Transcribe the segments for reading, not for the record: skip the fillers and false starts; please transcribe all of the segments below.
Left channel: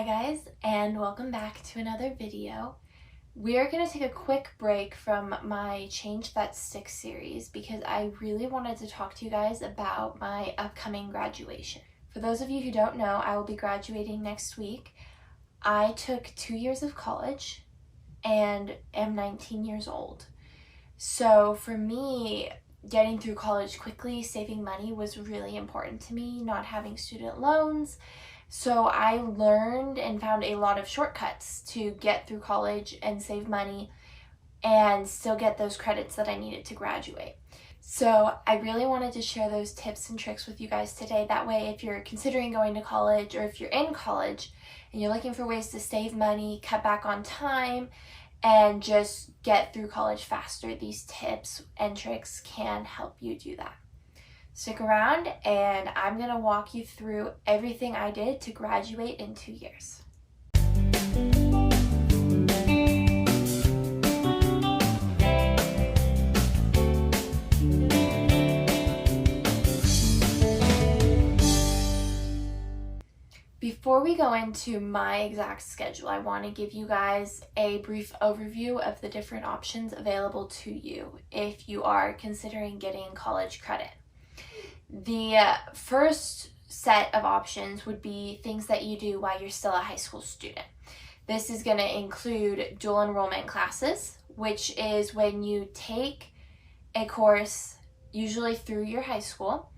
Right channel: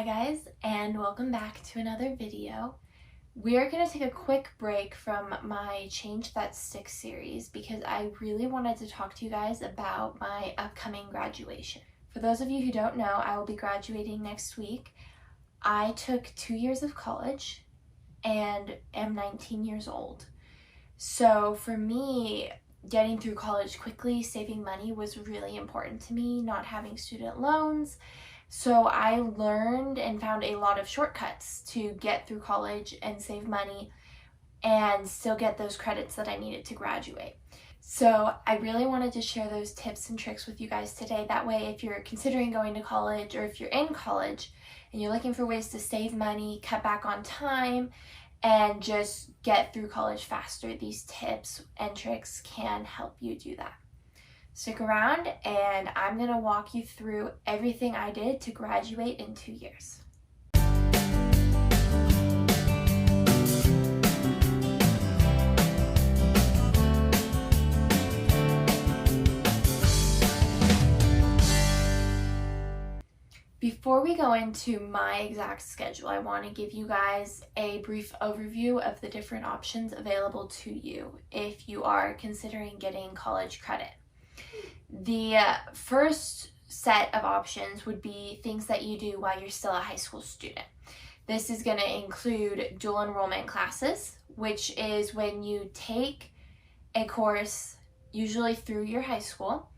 Hi guys, and welcome back to another video. We are going to take a quick break from my Change That Sticks series because I really wanted to talk to you guys about my upcoming graduation. For those of you who don't know, I will be graduating next week. I took 2 years of college and am 19 years old. So for me, getting through college quickly, saving money was really important to me, not having student loans. So I learned and found a lot of shortcuts to get through college and save money and still get those credits that I needed to graduate. So I really wanted to share those tips and tricks with you guys today. That way, if you're considering going to college or if you're in college and you're looking for ways to save money, cut back on time, and just get through college faster, these tips and tricks can help you do that. Stick around and I'm going to walk you through everything I did to graduate in 2 years. Before we go into my exact schedule, I want to give you guys a brief overview of the different options available to you if you are considering getting college credit. The first set of options would be things that you do while you're still a high school student. This is going to include dual enrollment classes, which is when you take a course usually through your high school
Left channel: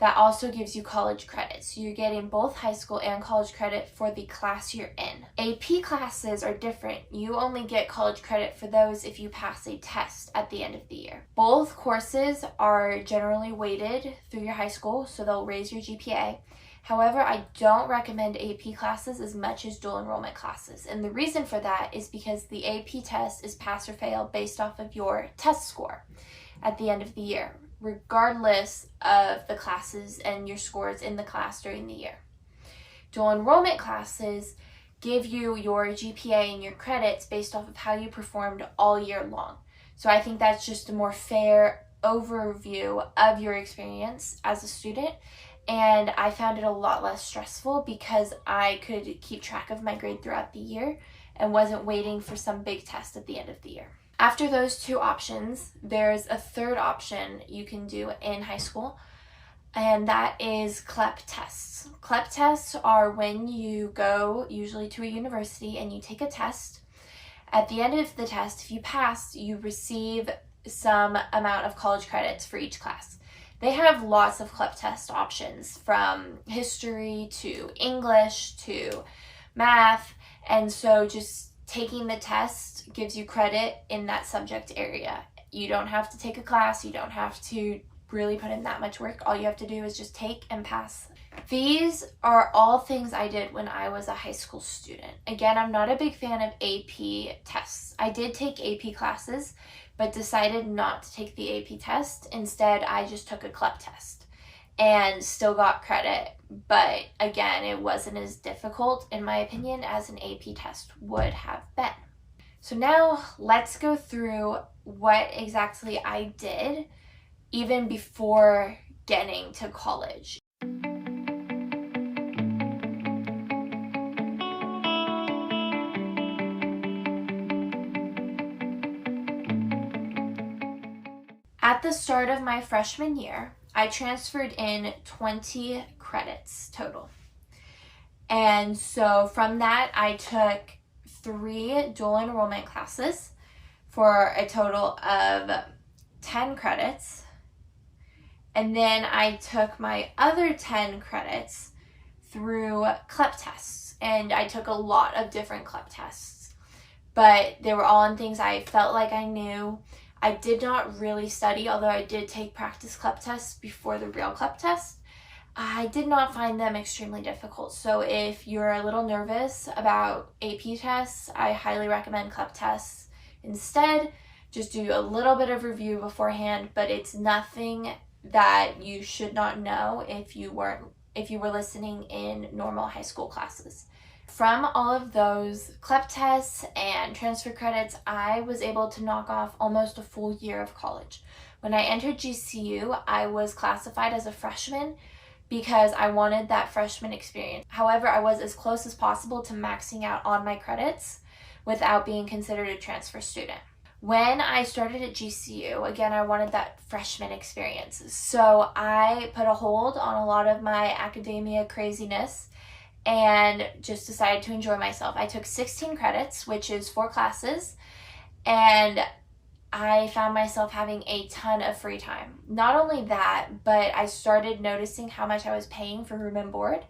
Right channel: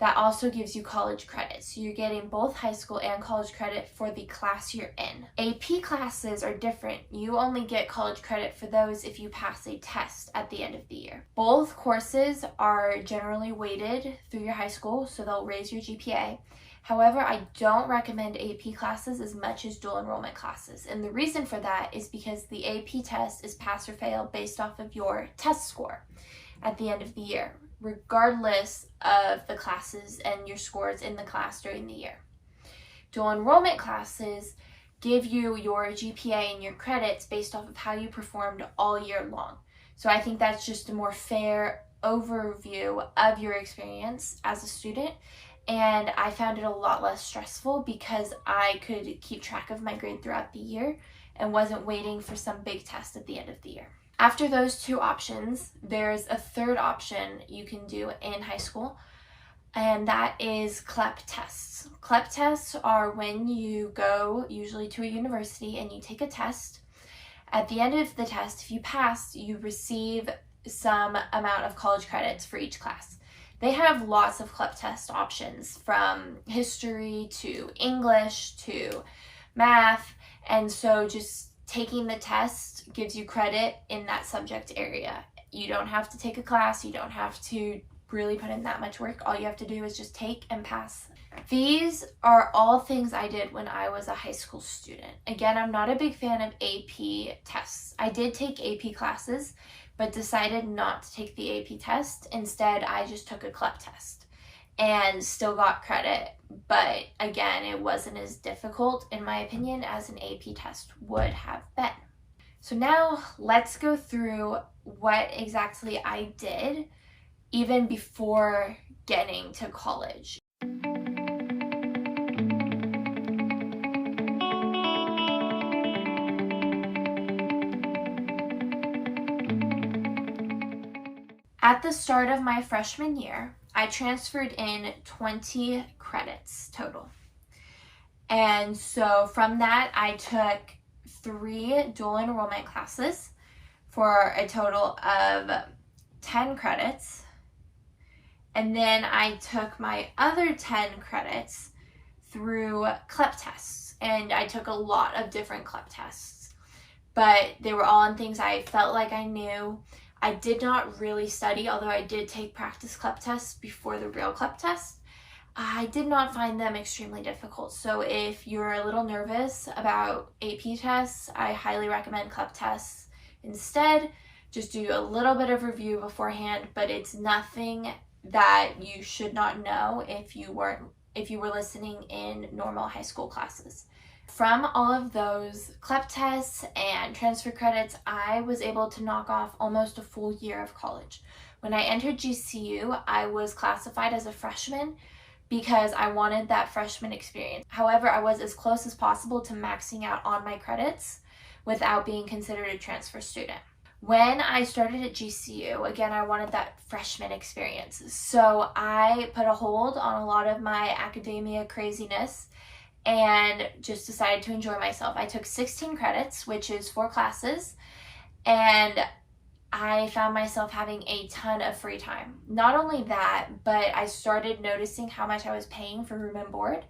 that also gives you college credit. So you're getting both high school and college credit for the class you're in. AP classes are different. You only get college credit for those if you pass a test at the end of the year. Both courses are generally weighted through your high school, so they'll raise your GPA. However, I don't recommend AP classes as much as dual enrollment classes. And the reason for that is because the AP test is pass or fail based off of your test score at the end of the year, regardless of the classes and your scores in the class during the year. Dual enrollment classes give you your GPA and your credits based off of how you performed all year long. So I think that's just a more fair overview of your experience as a student, and I found it a lot less stressful because I could keep track of my grade throughout the year and wasn't waiting for some big test at the end of the year. After those two options, there's a third option you can do in high school, and that is CLEP tests. CLEP tests are when you go usually to a university and you take a test. At the end of the test, if you pass, you receive some amount of college credits for each class. They have lots of CLEP test options, from history to English to math, and so just taking the test gives you credit in that subject area. You don't have to take a class, you don't have to really put in that much work. All you have to do is just take and pass. These are all things I did when I was a high school student. Again, I'm not a big fan of AP tests. I did take AP classes, but decided not to take the AP test. Instead, I just took a CLEP test and still got credit. But again, it wasn't as difficult, in my opinion, as an AP test would have been. So now let's go through what exactly I did even before getting to college. At the start of my freshman year, I transferred in 20 credits total. And so from that, I took 3 dual enrollment classes for a total of 10 credits. And then I took my other 10 credits through CLEP tests. And I took a lot of different CLEP tests, but they were all on things I felt like I knew. I did not really study, although I did take practice CLEP tests before the real CLEP test. I did not find them extremely difficult. So if you're a little nervous about AP tests, I highly recommend CLEP tests instead. Just do a little bit of review beforehand, but it's nothing that you should not know if you were listening in normal high school classes. From all of those CLEP tests and transfer credits, I was able to knock off almost a full year of college. When I entered GCU, I was classified as a freshman, because I wanted that freshman experience. However, I was as close as possible to maxing out on my credits without being considered a transfer student. When I started at GCU, again, I wanted that freshman experience. So I put a hold on a lot of my academia craziness and just decided to enjoy myself. I took 16 credits, which is 4 classes, and I found myself having a ton of free time. Not only that, but I started noticing how much I was paying for room and board.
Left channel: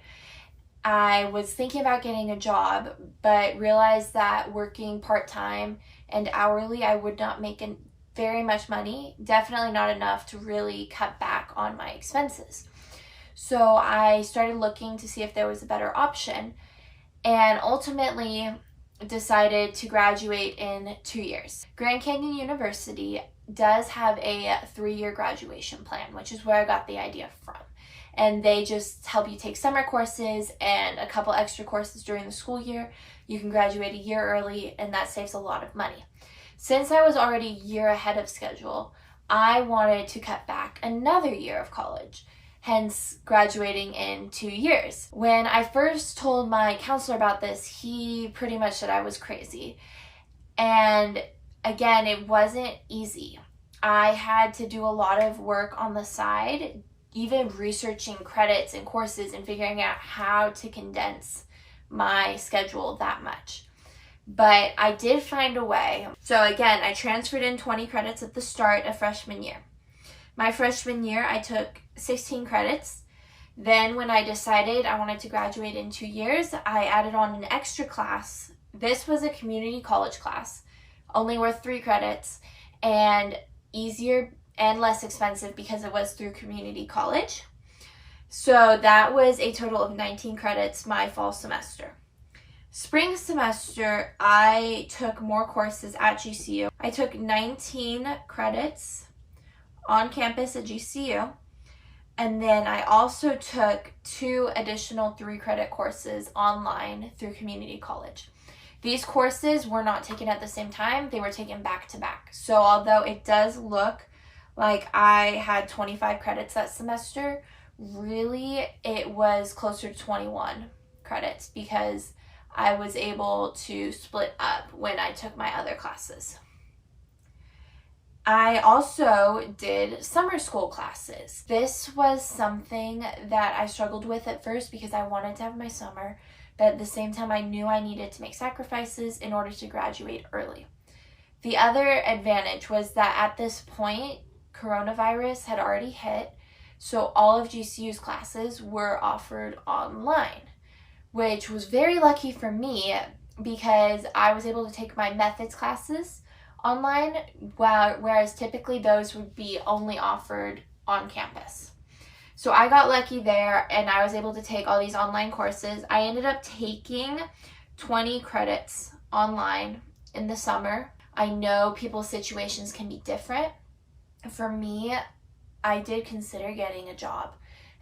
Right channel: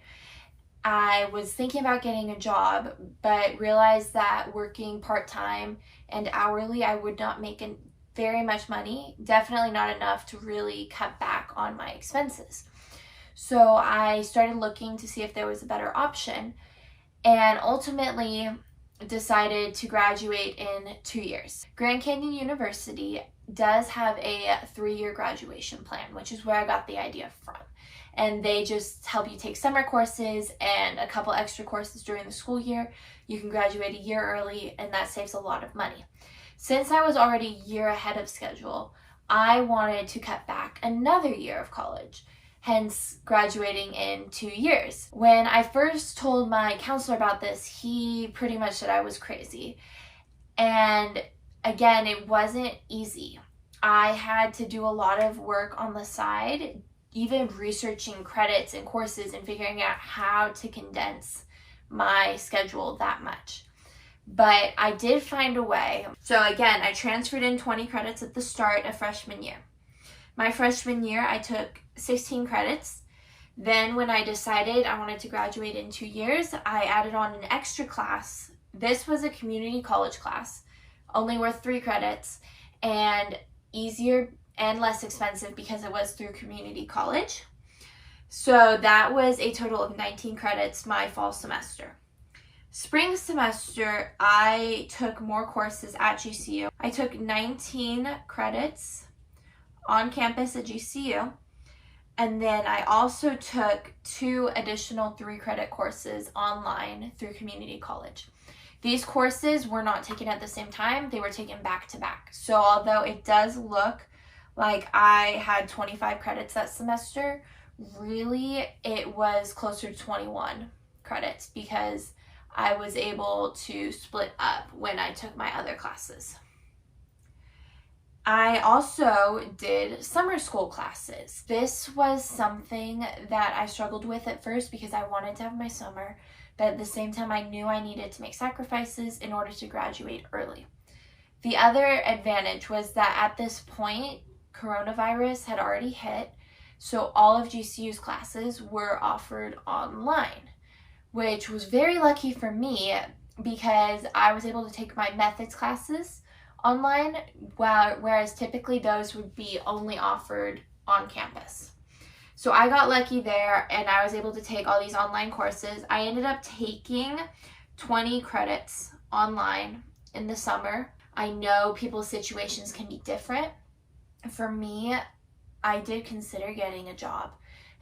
I was thinking about getting a job, but realized that working part-time and hourly, I would not make very much money, definitely not enough to really cut back on my expenses. So I started looking to see if there was a better option, and ultimately decided to graduate in 2 years. Grand Canyon University does have a 3-year graduation plan, which is where I got the idea from. And they just help you take summer courses and a couple extra courses during the school year. You can graduate a year early, and that saves a lot of money. Since I was already a year ahead of schedule, I wanted to cut back another year of college, hence graduating in 2 years. When I first told my counselor about this, he pretty much said I was crazy. And again, it wasn't easy. I had to do a lot of work on the side, even researching credits and courses and figuring out how to condense my schedule that much. But I did find a way. So again, I transferred in 20 credits at the start of freshman year. My freshman year, I took 16 credits. Then when I decided I wanted to graduate in 2 years, I added on an extra class. This was a community college class, only worth 3 credits, and easier and less expensive because it was through community college. So that was a total of 19 credits my fall semester. Spring semester, I took more courses at GCU. I took 19 credits on campus at GCU, and then I also took 2 additional 3-credit courses online through community college. These courses were not taken at the same time, they were taken back to back. So although it does look like I had 25 credits that semester, really it was closer to 21 credits because I was able to split up when I took my other classes. I also did summer school classes. This was something that I struggled with at first because I wanted to have my summer, but at the same time I knew I needed to make sacrifices in order to graduate early. The other advantage was that at this point, coronavirus had already hit, so all of GCU's classes were offered online, which was very lucky for me because I was able to take my methods classes online, whereas typically those would be only offered on campus. So I got lucky there and I was able to take all these online courses. I ended up taking 20 credits online in the summer. I know people's situations can be different. For me, I did consider getting a job,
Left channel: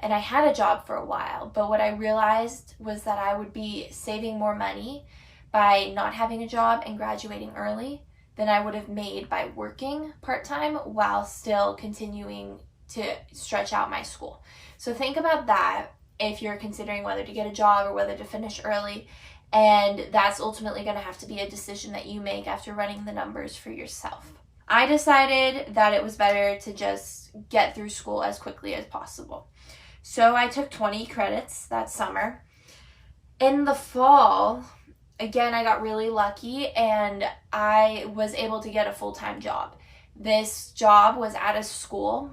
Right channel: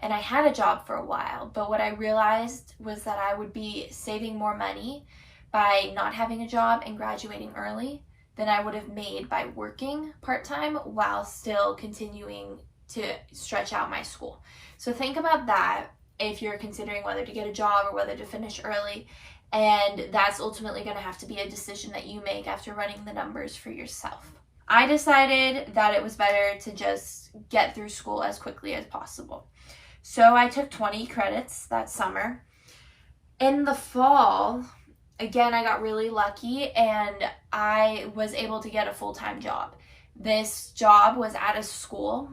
and I had a job for a while, but what I realized was that I would be saving more money by not having a job and graduating early than I would have made by working part-time while still continuing to stretch out my school. So think about that if you're considering whether to get a job or whether to finish early, and that's ultimately going to have to be a decision that you make after running the numbers for yourself. I decided that it was better to just get through school as quickly as possible. So I took 20 credits that summer. In the fall, again, I got really lucky and I was able to get a full-time job. This job was at a school,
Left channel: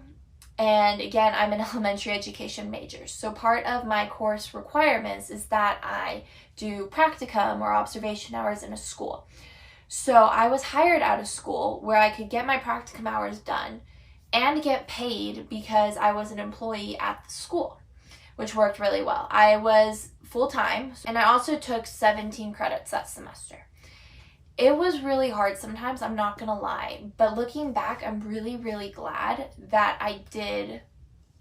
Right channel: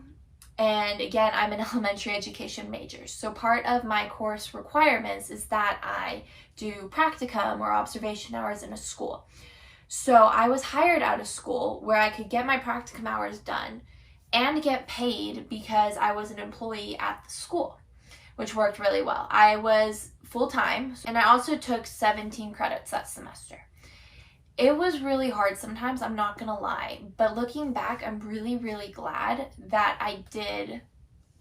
and again, I'm an elementary education major. So part of my course requirements is that I do practicum or observation hours in a school. So I was hired out of school where I could get my practicum hours done and get paid because I was an employee at the school, which worked really well. I was full-time, and I also took 17 credits that semester. It was really hard sometimes, I'm not gonna lie, but looking back, I'm really, really glad that I did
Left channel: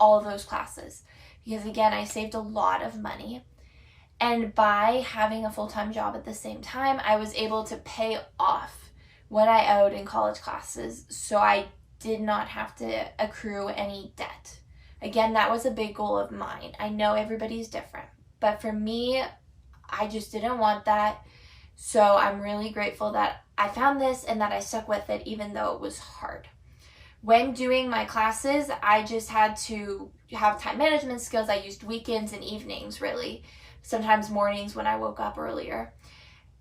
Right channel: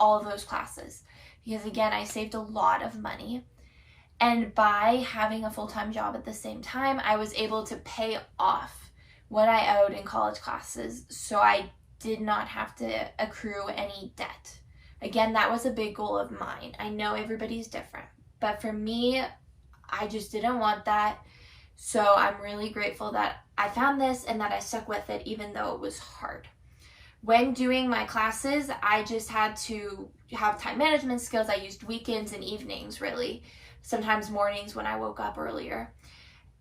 all of those classes because again, I saved a lot of money. And by having a full-time job at the same time, I was able to pay off what I owed in college classes, so I did not have to accrue any debt Again, that was a big goal of mine. I know everybody's different, but for me, I just didn't want that. So I'm really grateful that I found this and that I stuck with it even though it was hard. When doing my classes, I just had to have time management skills. I used weekends and evenings, really, sometimes mornings when I woke up earlier.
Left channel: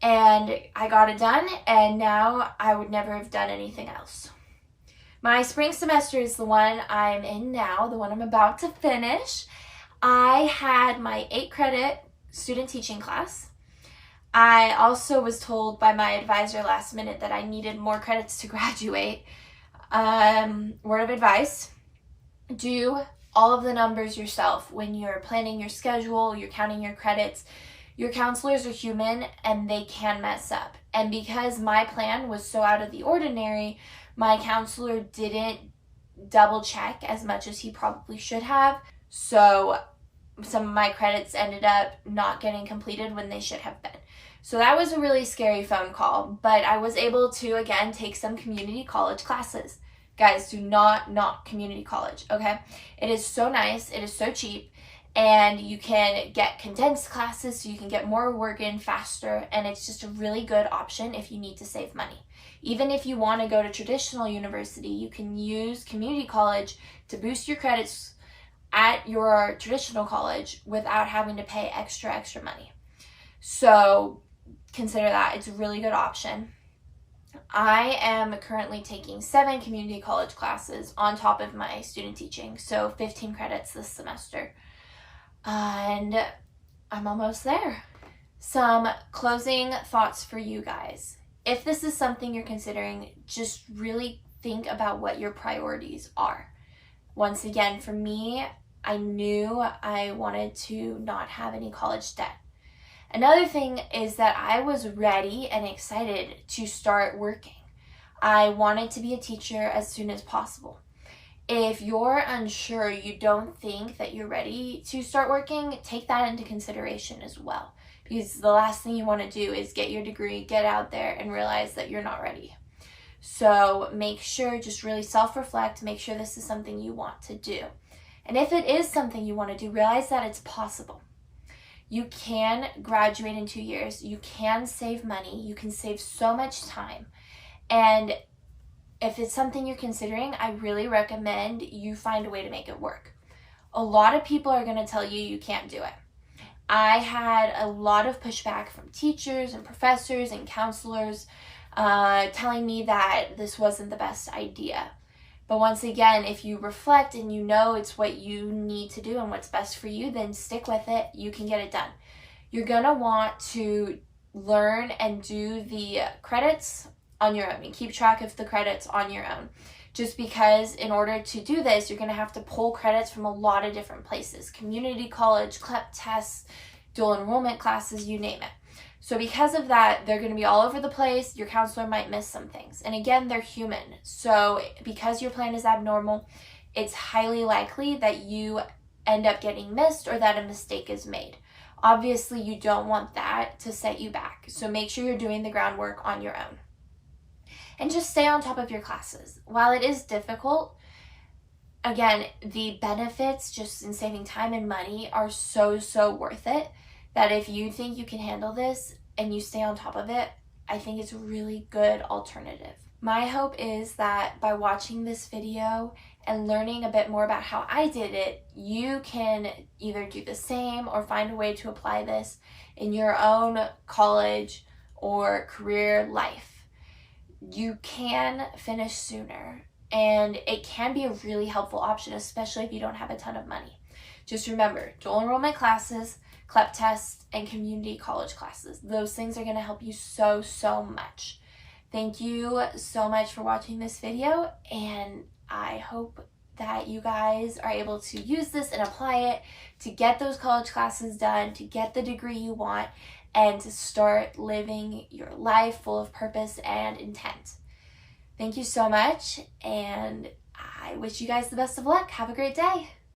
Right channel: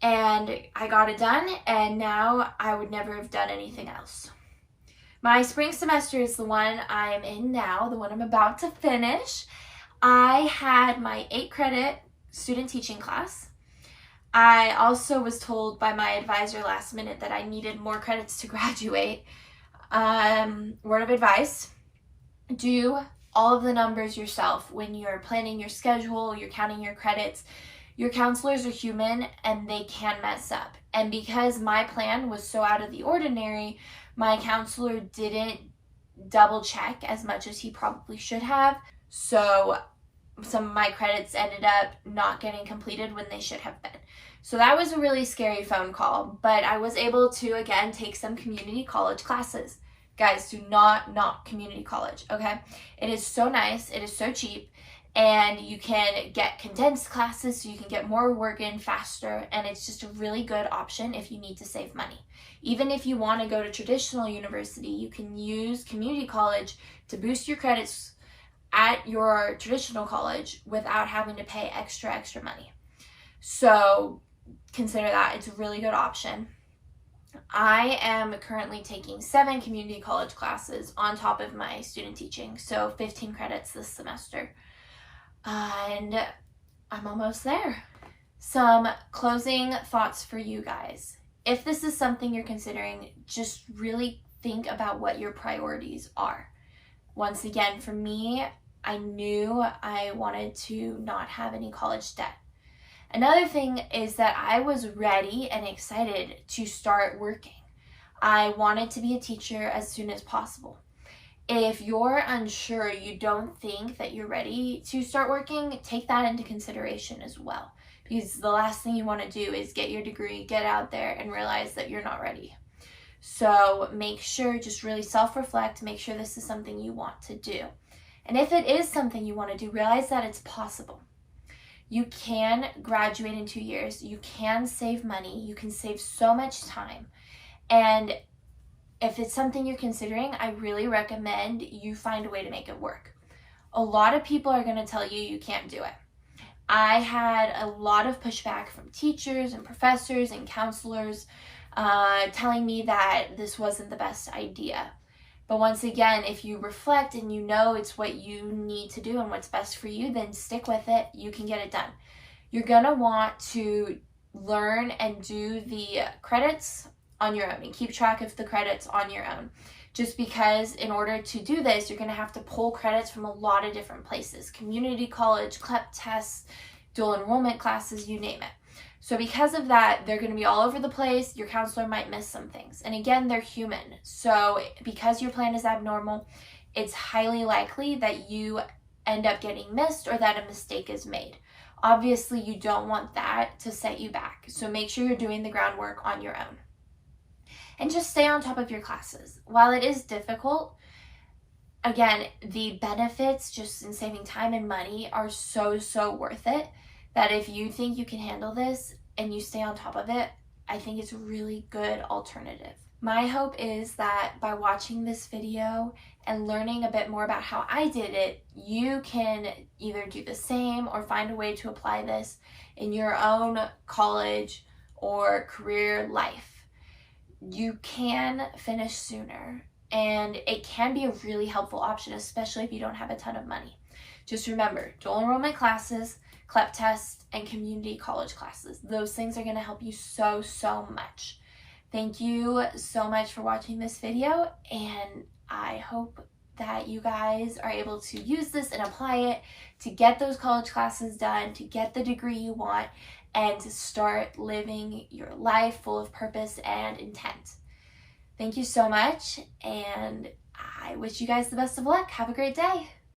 And I got it done, and now I would never have done anything else. My spring semester is the one I'm in now, the one I'm about to finish. I had my 8-credit student teaching class. I also was told by my advisor last minute that I needed more credits to graduate. Word of advice, do all of the numbers yourself when you're planning your schedule, you're counting your credits. Your counselors are human and they can mess up. And because my plan was so out of the ordinary, my counselor didn't double check as much as he probably should have. So some of my credits ended up not getting completed when they should have been. So that was a really scary phone call, but I was able to, again, take some community college classes. Guys, do not knock community college, okay? It is so nice, it is so cheap, and you can get condensed classes so you can get more work in faster, and it's just a really good option if you need to save money. Even if you want to go to traditional university, you can use community college to boost your credits at your traditional college without having to pay extra money. So consider that. It's a really good option. I am currently taking 7 community college classes on top of my student teaching, so 15 credits this semester. And I'm almost there. Some closing thoughts for you guys. If this is something you're considering, just really think about what your priorities are. Once again, for me, I knew I wanted to not have any college debt. Another thing is that I was ready and excited to start working. I wanted to be a teacher as soon as possible. If you're unsure, you don't think that you're ready to start working, take that into consideration as well. Because the last thing you want to do is get your degree, get out there, and realize that you're not ready. So make sure, just really self-reflect, make sure this is something you want to do. And if it is something you want to do, realize that it's possible. You can graduate in 2 years. You can save money. You can save so much time. And if it's something you're considering, I really recommend you find a way to make it work. A lot of people are going to tell you you can't do it. I had a lot of pushback from teachers and professors and counselors telling me that this wasn't the best idea. But once again, if you reflect and you know it's what you need to do and what's best for you, then stick with it. You can get it done. You're going to want to learn and do the credits on your own and keep track of the credits on your own. Just because in order to do this, you're going to have to pull credits from a lot of different places. Community college, CLEP tests, dual enrollment classes, you name it. So because of that, they're going to be all over the place. Your counselor might miss some things. And again, they're human. So because your plan is abnormal, it's highly likely that you end up getting missed or that a mistake is made. Obviously, you don't want that to set you back. So make sure you're doing the groundwork on your own. And just stay on top of your classes. While it is difficult, again, the benefits just in saving time and money are so worth it. That if you think you can handle this and you stay on top of it, I think it's a really good alternative. My hope is that by watching this video and learning a bit more about how I did it, you can either do the same or find a way to apply this in your own college or career life. You can finish sooner, and it can be a really helpful option, especially if you don't have a ton of money. Just remember, dual enrollment classes, CLEP tests, and community college classes. Those things are going to help you so much. Thank you so much for watching this video, and I hope that you guys are able to use this and apply it to get those college classes done, to get the degree you want, and to start living your life full of purpose and intent. Thank you so much, and I wish you guys the best of luck. Have a great day.